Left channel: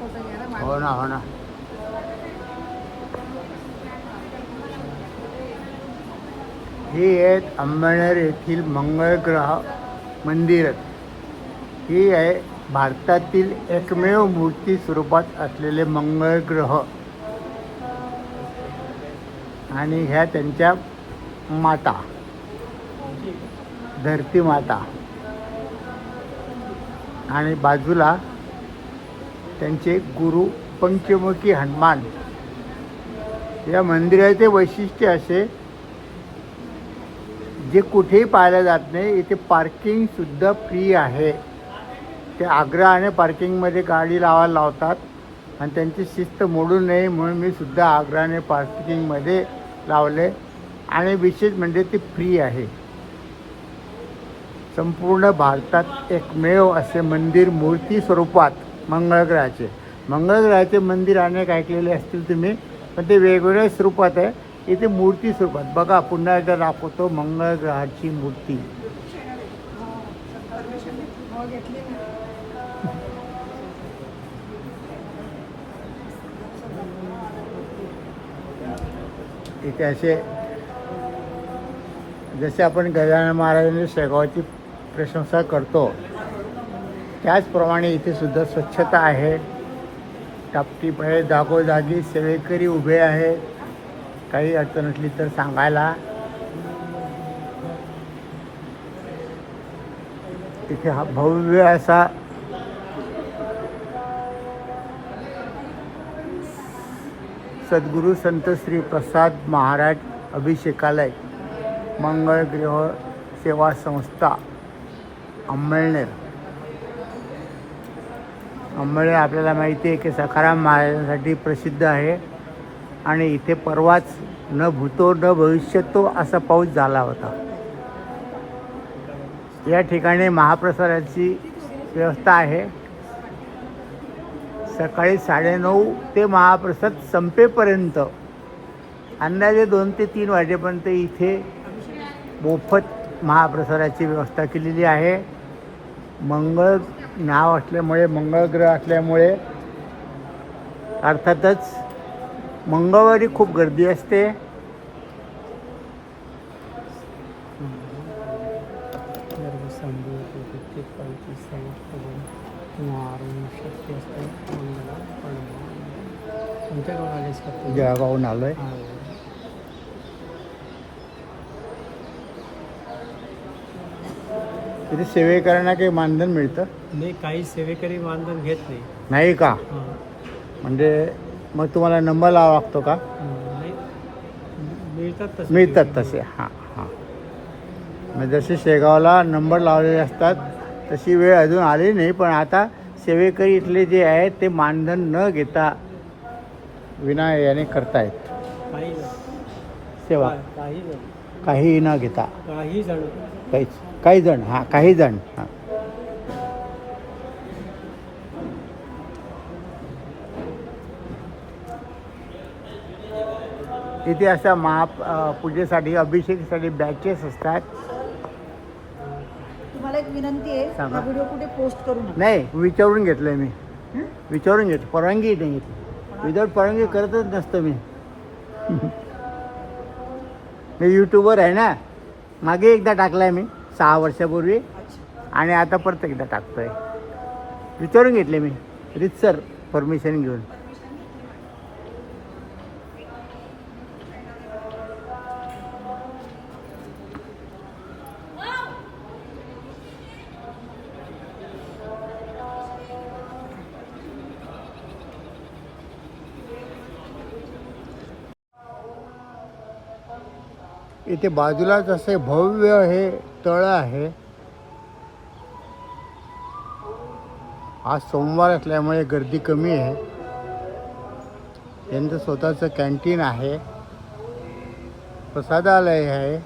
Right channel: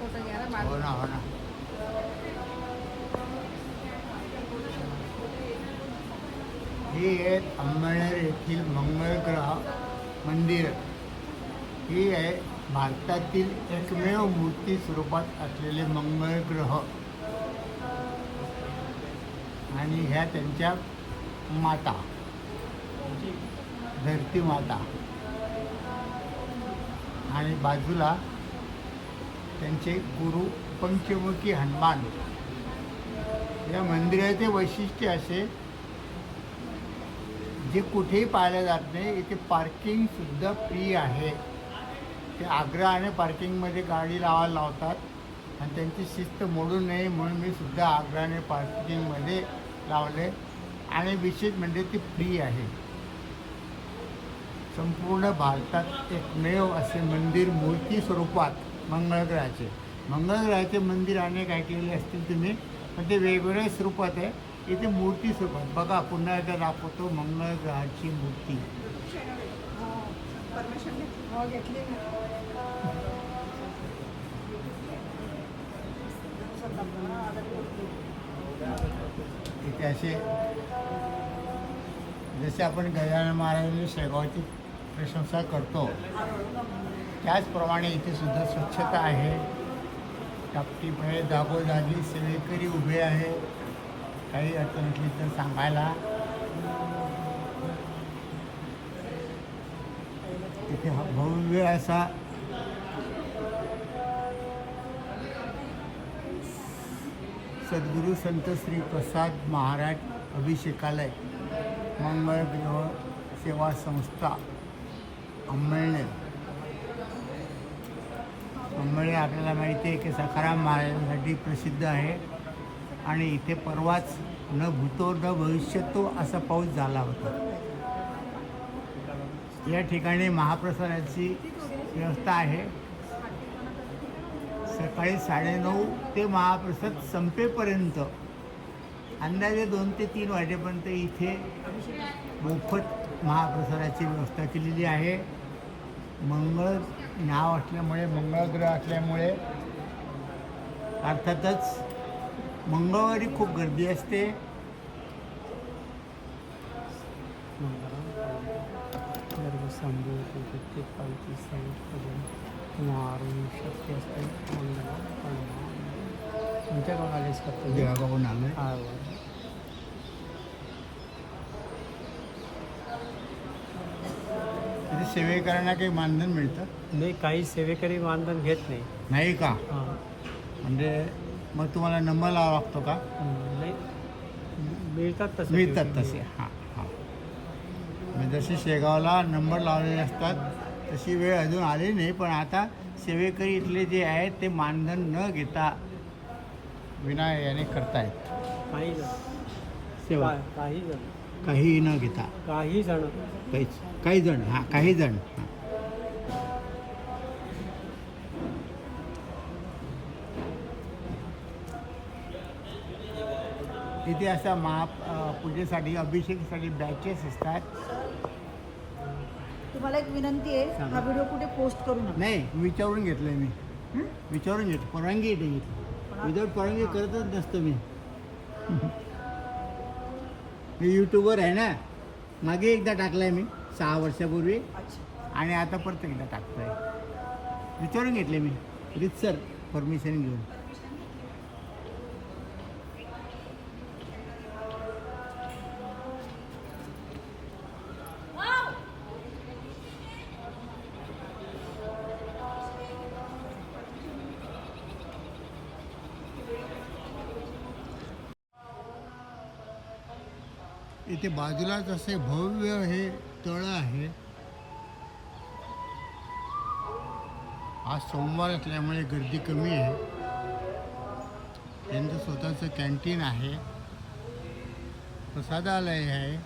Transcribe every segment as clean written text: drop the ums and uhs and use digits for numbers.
हो ना हो ना. ही आहेत अंमळनेर येथील मंगळग्रह मंदिर. ही आहे भारतातील एकमेव मूर्ती स्वरूपात असलेले मंगळग्रह आणि ह्या त्यांच्या माता धरती माता आणि बाजूला त्यांचे गुरु पंचमुखी हनुमान. या मंदिराचे वैशिष्ट्य असे जे कुठेही पाहिलं जात नाही. इथे पार्किंगसुद्धा फ्री आहे. ते आग्रहाने पार्किंगमध्ये गाडी लावायला लावतात आणि त्यांची शिस्त मोडू नये म्हणून मी सुद्धा आग्रहाने पार्किंगमध्ये लावले. आणि विशेष म्हणजे ते फ्री आहे. संपूर्ण भारतात एकमेव असे मंदिर मूर्ती स्वरूपात मंगळग्रहाचे मंदिर अनेक ऐकलेले असतील तुम्ही, पण ते वेगवेगळ्या स्वरूपात आहे. इथे मूर्ती स्वरूपात बघा, पुन्हा एकदा दाखवतो मंगळग्रहाची मूर्ती. इथे असे जसे आपण गजानन महाराजांनी शेगावची प्रशंसा करतो त्याचप्रमाणे इथे सुद्धा स्वच्छता आहे. टापटीप आहे, जागोजागी सेवेकरी उभे आहे काही अडचण असली तर सांगायला. इथे हा भव्य असा सद्गुरू संत श्री प्रसाद महाराज अभिषेकालय मंगळग्रह सेवा संस्था अंमळनेर. अंमळनेर आपल्याला माहिती आहे की सखाराम महाराजांसाठी प्रसिद्ध आहे आणि इथे परवाच न भूतो न भविष्यतो असा पाऊस झाला होता. या ठिकाणी महाप्रसादाची व्यवस्था आहे. सकाळी 9:30 ते महाप्रसाद संपेपर्यंत अंदाजे 2 ते 3 वाजेपर्यंत इथे मोफत महाप्रसादाची व्यवस्था केलेली आहे. मंगळ नाव असल्यामुळे, मंगळग्रह असल्यामुळे अर्थातच मंगळवारी खूप गर्दी असते. जळगावहून आलो आहे. तिथे सेवेकरांना काही मानधन मिळतं? नाही, काही सेवेकरी मानधन घेत नाही. नाही का? म्हणजे मग तुम्हाला नंबर लावा लागतो का? नाही, मिळतात तसे. हां हां. मग जसे शेगावला नंबर लावलेले असतात तशी वेळ अजून आली नाही, पण आता सेवेकरी इथले जे आहेत ते मानधन न घेता विना याने करतायत काही सेवा. काही न घेता काही जण हां काही जण हां. इथे अशा पूजेसाठी अभिषेकासाठी बॅचेस असतात. तुम्हाला एक विनंती आहे, सांगा. हा व्हिडिओ कुठे पोस्ट करू नका. नाही, विचारून घेतलंय मी. विचारून घेतो, परवानगी नाही घेतली. विदाऊट परवानगी करतच नसतं मी. मी यूट्यूबवर आहे ना. मागे एकदा टाकलाय मी 6 वर्षापूर्वी आणि आता परत एकदा टाकतोय. विचारून घेतले मी रितसर परमिशन घेऊन. इथे बाजूलाच असे भव्य हे तळ आहे. आज सोमवार असल्यामुळे गर्दी कमी आहे. यांचं स्वतःचं कॅन्टीन आहे, प्रसादालय आहे,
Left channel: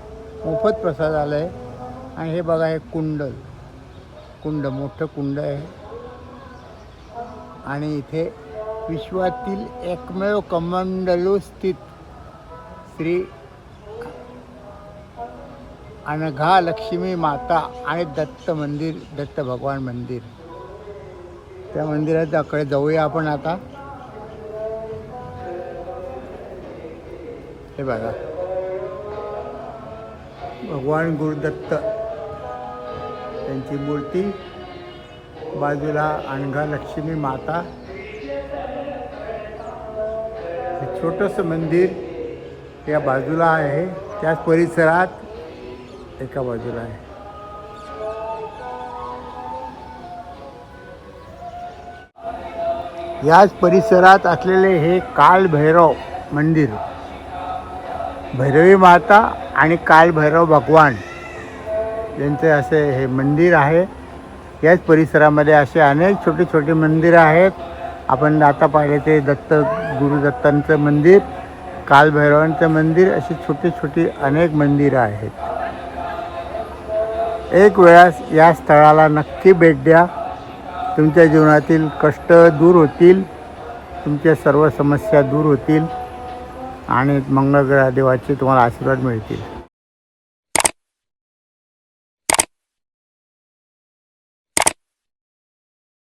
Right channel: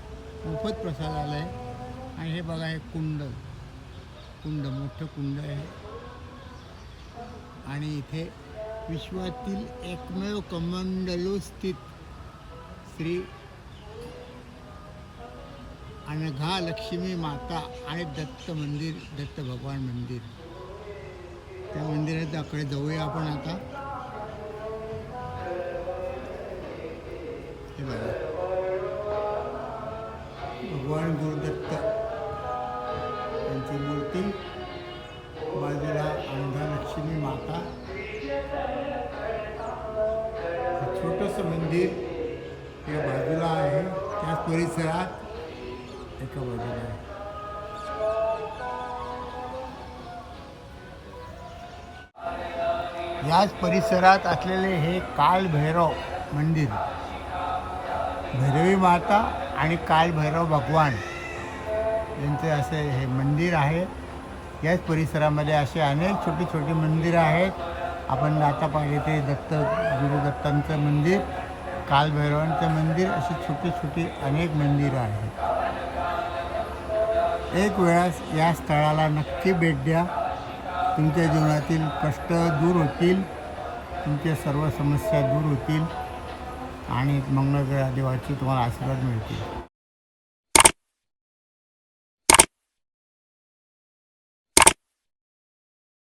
मोफत प्रसादालय. आणि हे बघा, हे कुंड मोठं कुंड आहे. आणि इथे विश्वातील एकमेव कमंडलू स्थित श्री अनघा लक्ष्मी माता आणि दत्त भगवान मंदिर. त्या मंदिराकडे जाऊया आपण आता. हे बघा, भगवान गुरुदत्त त्यांची मूर्ती, बाजूला अनघा लक्ष्मी माता, हे छोटंसं मंदिर या बाजूला आहे. त्याच परिसरात एका बाजूला आहे. याच परिसरात असलेले हे कालभैरव मंदिर, भैरवी माता आणि कालभैरव भगवान यांचे असे हे मंदिर आहे. याच परिसरामध्ये असे अनेक छोटे छोटे मंदिरं आहेत. आपण आता पाहिले ते गुरुदत्तांचं मंदिर, कालभैरवांचं मंदिर, अशी छोटी छोटी अनेक मंदिरं आहेत. एक वेळास या स्थळाला नक्की भेट द्या. तुमच्या जीवनातील कष्ट दूर होतील, तुमच्या सर्व समस्या दूर होतील आणि मंगळग्रह देवाचे तुम्हाला आशीर्वाद मिळतील.